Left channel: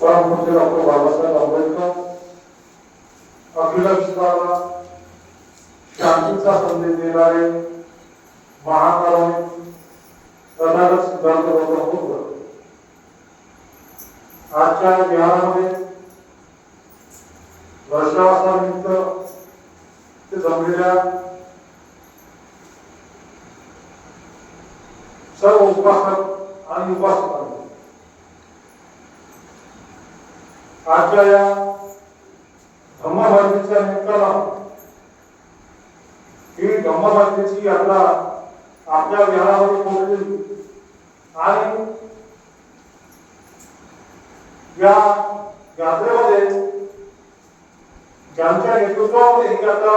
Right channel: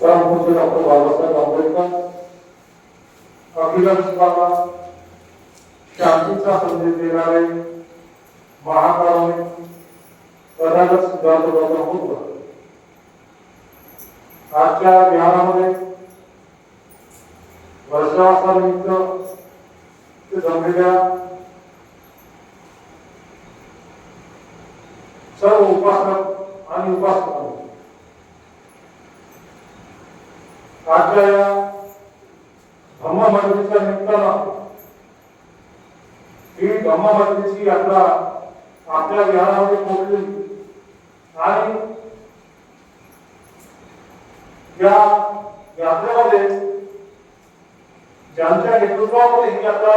परमपूज्य डॉक्टर बाबासाहेब आंबेडकर अखिल विश्वाला शांतीचा संदेश देणारे महाकारुणिक तथागत सिद्धांत गौतम बुद्ध आजच्या ज्ञानामध्ये वर्षावासानिमित्त ते जमलेल्या सर्व उपासक आणि उपासक आजच्या या धम्मभरणीच्या निमित्तानं ही धम्मभरणीची यात्रा आपल्या विहारामध्ये पोहोचली. आणि या यात्रेमध्ये ज्यांच्या नेतृत्वामध्ये ही यात्रा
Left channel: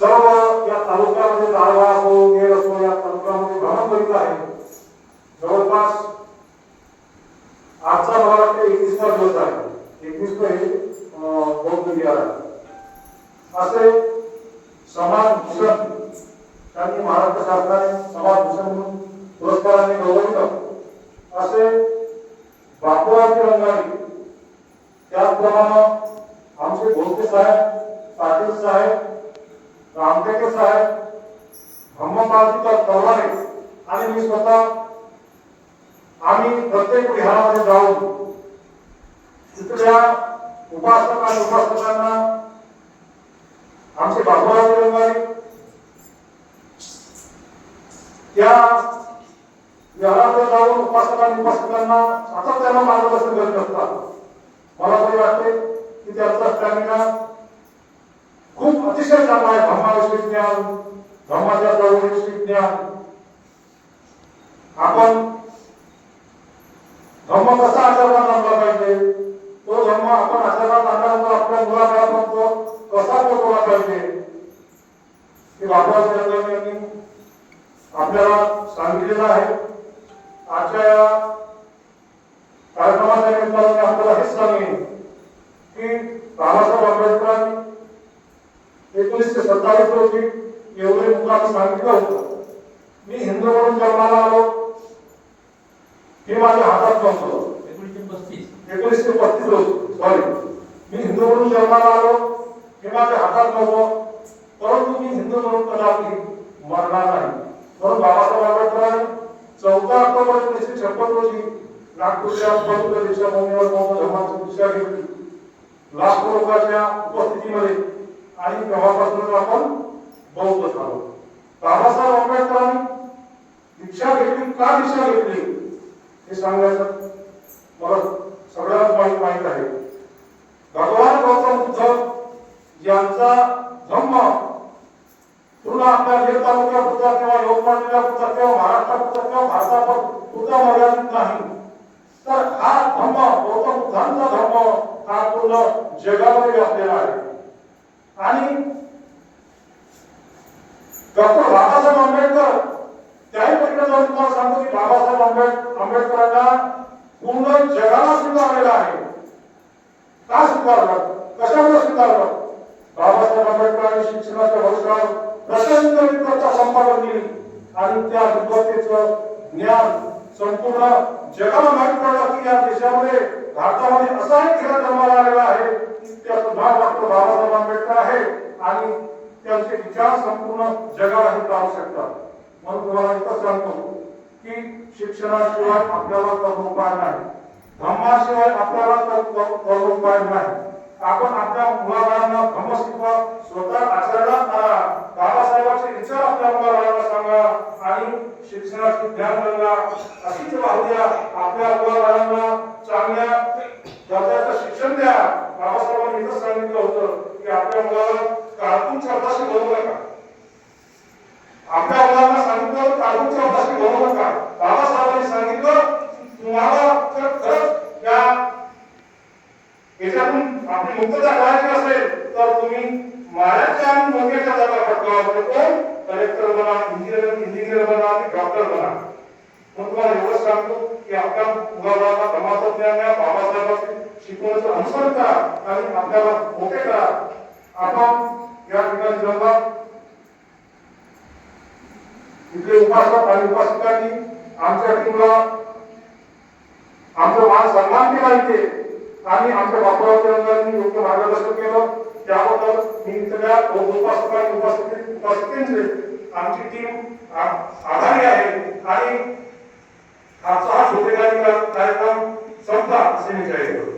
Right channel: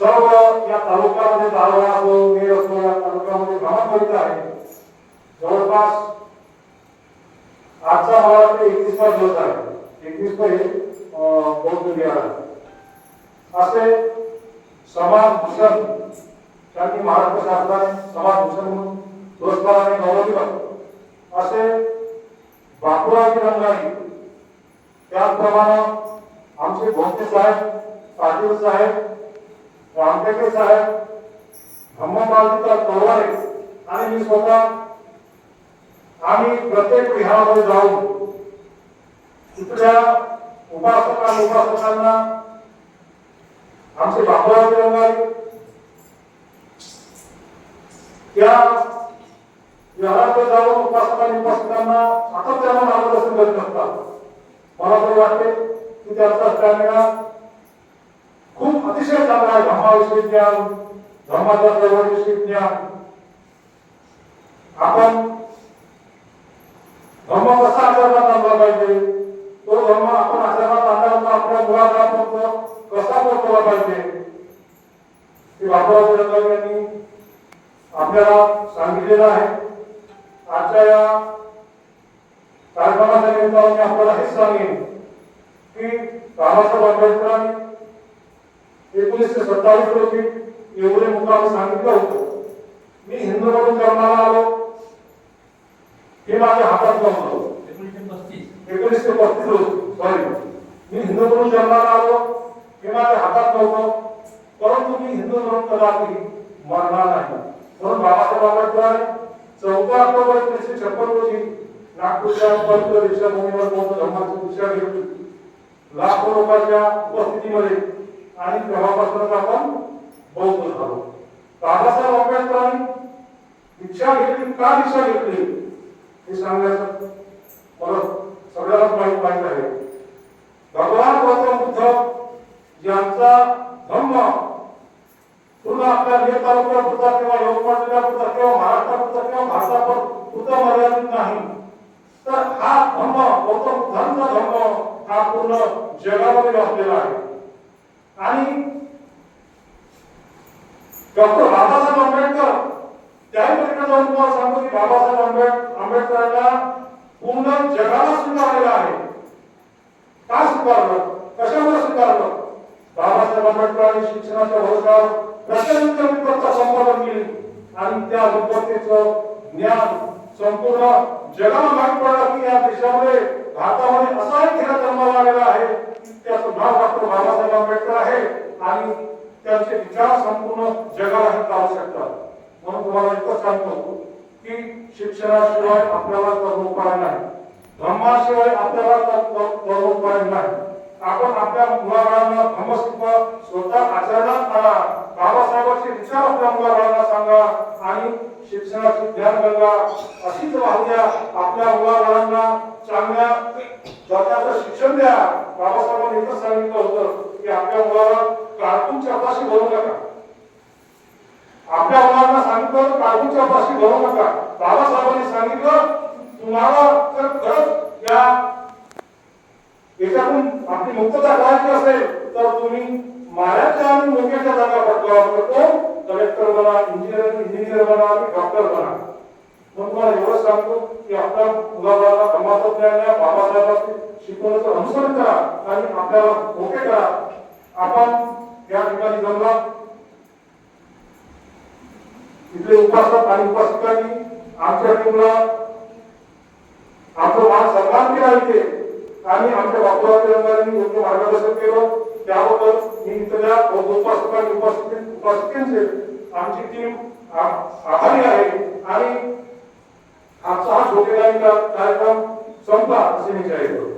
सर्व या तालुक्यामध्ये दारवा असो नेर असो या तालुक्यामध्ये भ्रमण करीत आहे जवळपास आजचा मला वाटतं एकवीसवा दिवस आहे. एकवीस हे बौद्ध विहार. आहे असे समाज भूषण त्यांनी महाराष्ट्र शासनाने समाज भूषण म्हणून पुरस्काराने गौरविलं असे बापूराजी रंगारी त्याचप्रमाणे आमचे भोसले साहेब पाटील साहेब रामटेके साहेब धम्मपालकर तलवारे आणि मी स्वतः आम्ही प्रत्येक विहारामध्ये जाऊन तिथल्या उपासक उपासकांना आमचे बाबूराव रंगारी त्या विहारामध्ये जाऊन उपासकांनी उपासकांना सातत्यानं मार्गदर्शन करत असतात. मला तरी वाटते की त्यांचा स्टॅमिना खूप अतिशय चांगला आहे धर्माविषयी ज्ञान धर्माच्या चळवळीविषयी ज्ञान. आपण धर्म कसा आचरणात आणला पाहिजे तो धर्म आपण आचरणात आणल्यानंतर आपल्या मुलाबाळापर्यंत कसा पोहोचवला पाहिजे हे बाबासाहेब यांनी आपल्याला सांगितलेलं आहे. आजच्या या कार्यक्रमाच्या निमित्ताने आपल्याला हेच सांगेन की बाबासाहेब आंबेडकरांनी एकोणीसशे सत्तावीस रोजी एवढे मुद्दा सांगितलं होतं. मी हिंदू म्हणून जन्माला आलो. हे माझ्या हातात नव्हतं एकोणीसशे पस्तीस. एकोणीसशे पस्तीस रोजी. सॉरी मी हिंदू म्हणून जन्माला आलो. हे माझ्या हातात नव्हतं. परंतु मी हिंदू म्हणून कदापि मरणार नाही. म्हणून बाबासाहेब आंबेडकरांनी चौदा ऑक्टोबर एकोणीसशे छप्पन रोजी नागपूरच्या पवित्र दीक्षाभूमीवर बौद्ध धर्माची दीक्षा घेतली. लाखो लोकांच्या उपस्थितीमध्ये आणि तेव्हापासूनच आपण बौद्ध झालो. बाबासाहेब आंबेडकरांनी दीक्षा घेतली. का दीक्षा घेतली? हे सांगण्याचं मला सगळ्यांनाच माहीत माहीत आहे. भगवान गौतम बुद्ध यांचा धम्म पूर्ण आपल्या हे तालुक्यापुरता किंवा यवतमाळ पुरता किंवा महाराष्ट्रापुरता किंवा भारतावर पुरता मर्यादित नाही. तर हा धम्म गौतम बुद्धांचा धम्म हा पूर्ण जगामध्ये व्यापलेला आहे. आणि डॉक्टर बाबासाहेब त्याही पलीकडे जाऊन तुम्हाला सांगतो की बाबासाहेब आंबेड आंबेडकरांना पूर्ण जगाला स्वीकारलेलं आहे. का स्वीकारलं? कशामुळे स्वीकारलं? बाबासाहेब आंबेडकरांनी शिक्षणाच्या भरोशावर प्रचंड विद्वत्ता संपादन केली. आणि त्या विद्वत्तेचं ज्ञान संपूर्ण जगाला माहीत पडलं की या देशामध्ये भारतामध्ये असा एक खेळ जन्माला आलेला आहे की त्याचं नाव डॉक्टर बाबासाहेब आंबेडकर आहे आणि त्यांचे विचार संपूर्ण जगालाही पाहू शकतात. म्हणून तुम्हाला इतकं सांगतो की शिक्षणाशिवाय आपल्याला कर्मोपाय नाही. धर्माशिवाय आपल्याला कर्म- कर्मोपाय नाही. आपण आपल्या मुलाबाळांना धर्म शिकवा स्वतः आचरणात आला बाबासाहेबांचे विचार आपल्या मुलाबाळांना सांगा आणि शिक्षणाची ध्यान गंगा. अशीच वाहूया आपल्या मुलाबाळांना चांगल्या दर्जाचं शिक्षण द्या. बाबासाहेबांनी इथं सांगितलं होतं की आपल्या मुलाला कार्टून शब्दाशी बोलू नका. आपल्या मुलांना सांगितलं होतं कार्टूनच्या नका. बाबासाहेबांनी सांगितलं तुम्हाला जर खरंच या याच्यातून आपली मुक्तता करायची असेल तर तुम्ही माऱ्याच्या आणि मोक्याच्या जागा पटकावा म्हणजे कलेक्टर बना इंजिनियर इंजिनियर बना आणि डॉक्टर बना. मग तुम्हाला एवढंच सांगतो की आपल्या मुलाबाळाला धर्माचं ज्ञान द्या बाबासाहेबांची शिकवण्याचं अनुसरण करा आणि आपल्याला मोठे करा. आपण या ठिकाणी जमला तिथले उपासक आणि उपासिकांनी आमच्या टीमला आमचं मान सन्मान माहिती इथे. आणि आमच्या बापू योग्य मार्गदर्शन केलं. त्याबद्दल मी इथल्या उपासकांनी उपस्थित उपस्थितींचे आमची टीम आभारी आहे. आणि आजचा हा छोटेखानी कार्यक्रम संपला असे मी जाहीर करतो.